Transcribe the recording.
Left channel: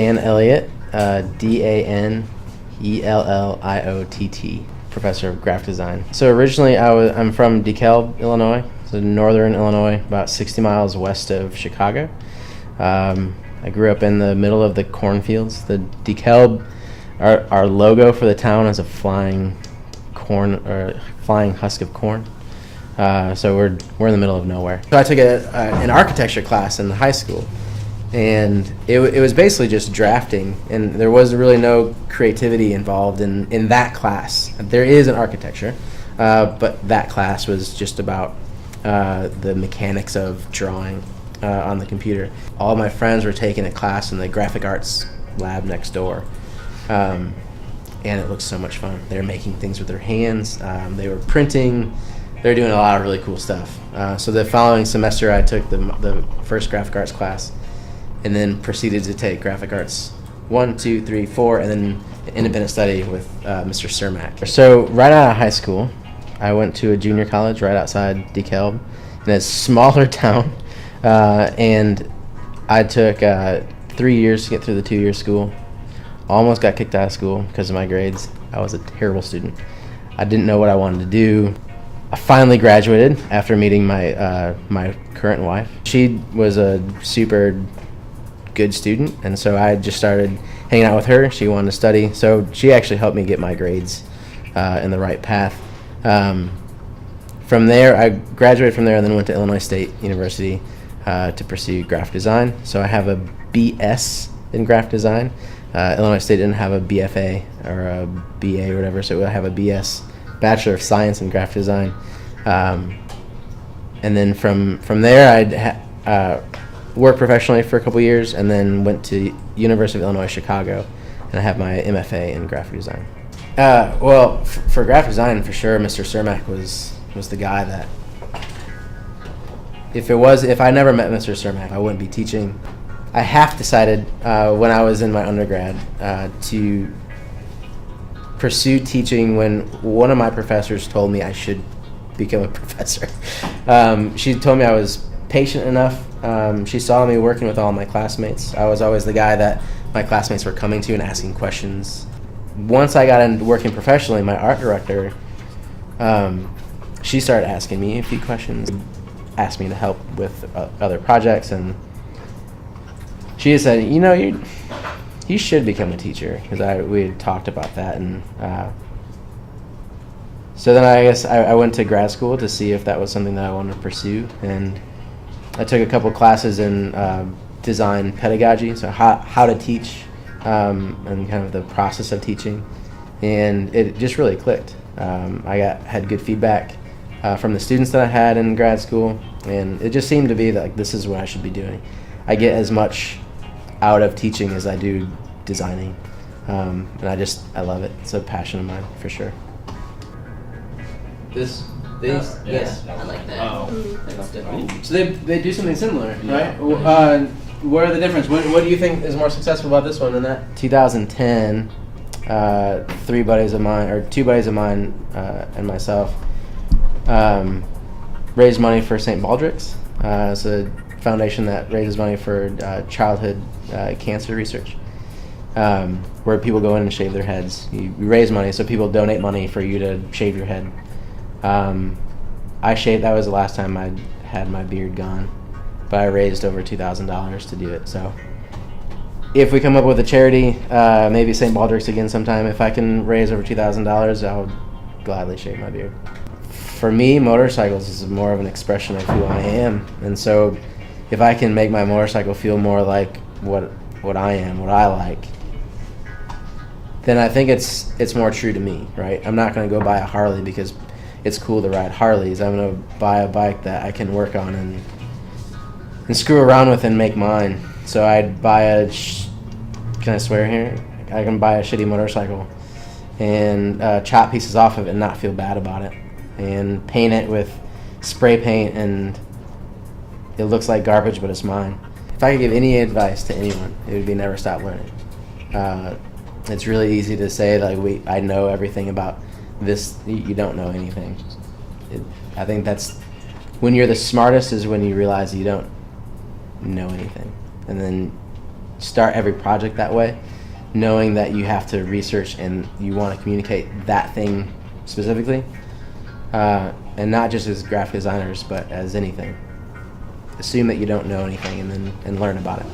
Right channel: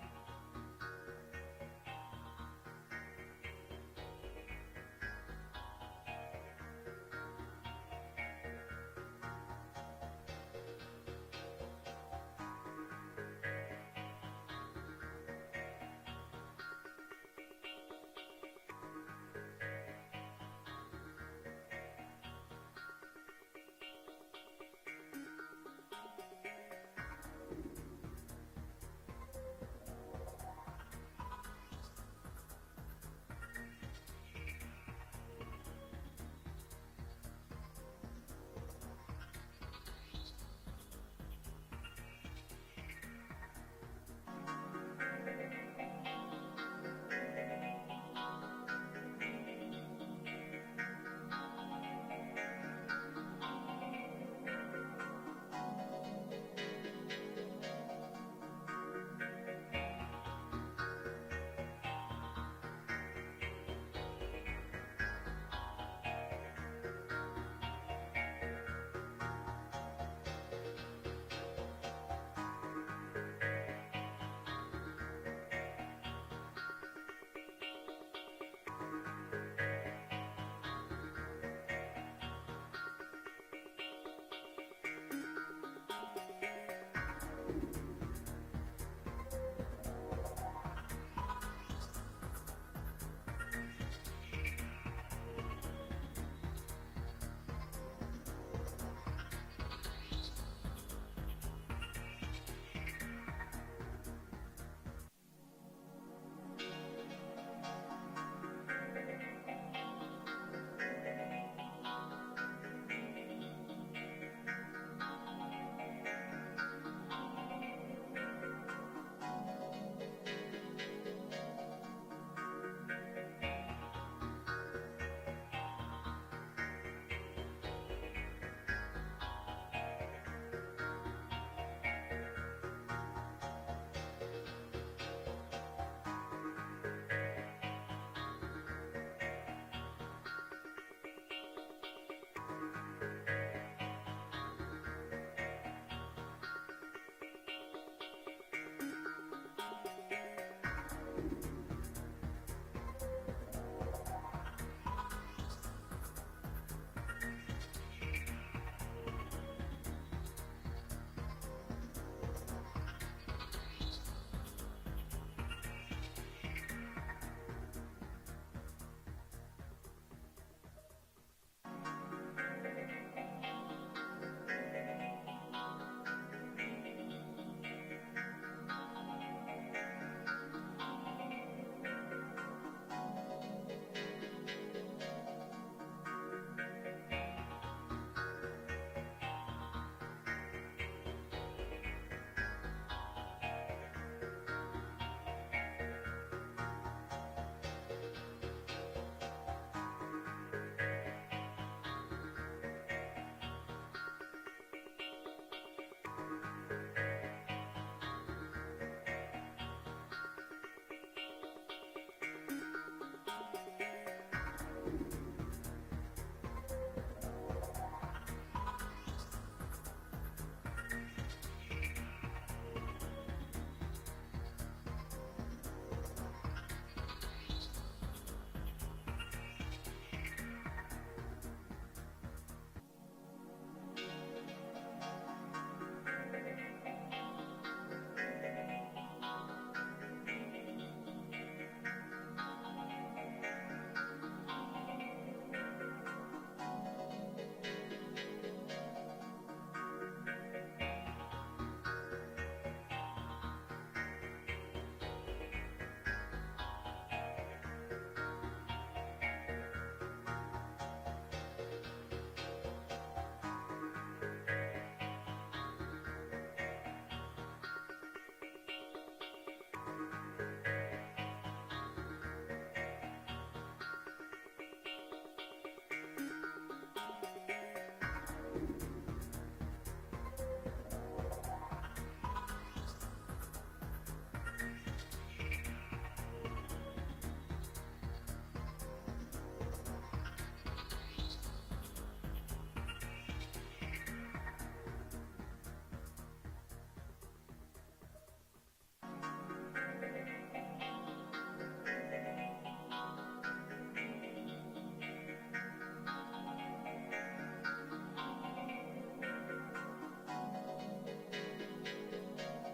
Dan Elliott, DanElliott, professor of graphic design. So originally I'm from DeKalb, Illinois, so northern Illinois, about 60 miles west of Chicago. I grew up in the middle of the cornfields. The DeKalb, our logo for the town is a flying husk of corn. So we're in the middle of nowhere. So I took an architecture class in high school, and it was basically just drafting, and there was really no creativity involved in that class. There is an architecture, but that class was just about the mechanics of drawing on the computer. All my friends were taking a class in the graphic arts lab next door, and it looked so much fun. They were making things with their hands. They were printing. They were doing a lot of really cool stuff. So the following semester, I took the first graphic arts class, and then proceeded to take graphic arts 1, 2, 3, 4, and then independent study with Mr. Cermak. So right out of high school, I went to a junior college right outside DeKalb in a smaller town, and I took 3 years to get through the 2-year school. Almost got kicked out of school because of my grades. I was a terrible student. I didn't know what I wanted to do. I finally graduated after meeting my my current wife. She was a super good student, and so I just started hanging out with her. She wanted to study, so she actually helped me get my grades in the right path. From there, I graduated from there and then went to Illinois State University to pursue graphic design. So I have a BS in graphic design. Illinois State didn't have a BFA or a BA or whatever, so I have a BS, Bachelor of Science in graphic design. And then from there, I'd worked professionally for a couple years, and then went to University of Illinois Chicago, and I have my MFA in graphic design. Well, for graphic design, for sure, Mr. Cermak was the guy that, if I never met Mr. Cermak, I wouldn't be teaching. I half decided when I was in my undergrad to pursue teaching when one of my professors told me I should become a professor. She told me I was patient enough. She saw me working with all my classmates. I was always the guy that my classmates were coming to and asking questions. Once I got into working professionally, my art director, she started asking me a few questions, asked me to help with other projects, and she said, you should become a teacher, because we had talked about that. And so then I guess I went to grad school to see if that was something that I wanted to pursue, and I took a couple classes in design pedagogy, so how to teach, and kind of the process of teaching, and it just really clicked. I had good feedback from the students that I had in grad school, and it just seemed to be like, this is what I should be doing. I get as much out of teaching as I do designing, and I love it. It's a passion of mine, for sure. This. I like that. Oh. So they do something similar, right? What are the difference? What do you think is more successful about this one than that? 2010, two buddies of mine, and myself raised money for St. Baldrick's. It's a foundation that raises money for childhood cancer research, where people go in and shave their heads. You raise money, so people donate money for you to shave your head. I shaved. That was the last time I had my beard gone, but I raised over $2,000 to do it. So if we come up with a charity, maybe St. Baldrick's again sometime, if I can raise over $2,000, I'll gladly shave my beard. For me, motorcycles is more of an expression of who I am, and so if I can make my motorcycle feel more like what I am, what I like, then I think it's more true to me, right? I'm not going to go buy a Harley because it's cool to ride Harleys. I'm going to buy a bike that I can work on and screw around with and make mine. So I'd buy can I swear here? I can buy a shitty motorcycle and chop pieces off of it and not feel bad about it, and paint it with spray paint, and it looks like garbage, but it's mine. If I could give any advice to anyone, it would be never stop learning. It's really easy to say, like, I know everything about this. You don't know anything. I think that's when you're the smartest, is when you realize you don't know anything, and then start every project that way, knowing that you have to research and you want to communicate that thing specifically, and not just as graphic designers, but as anything. Assume that you don't know anything and learn about it.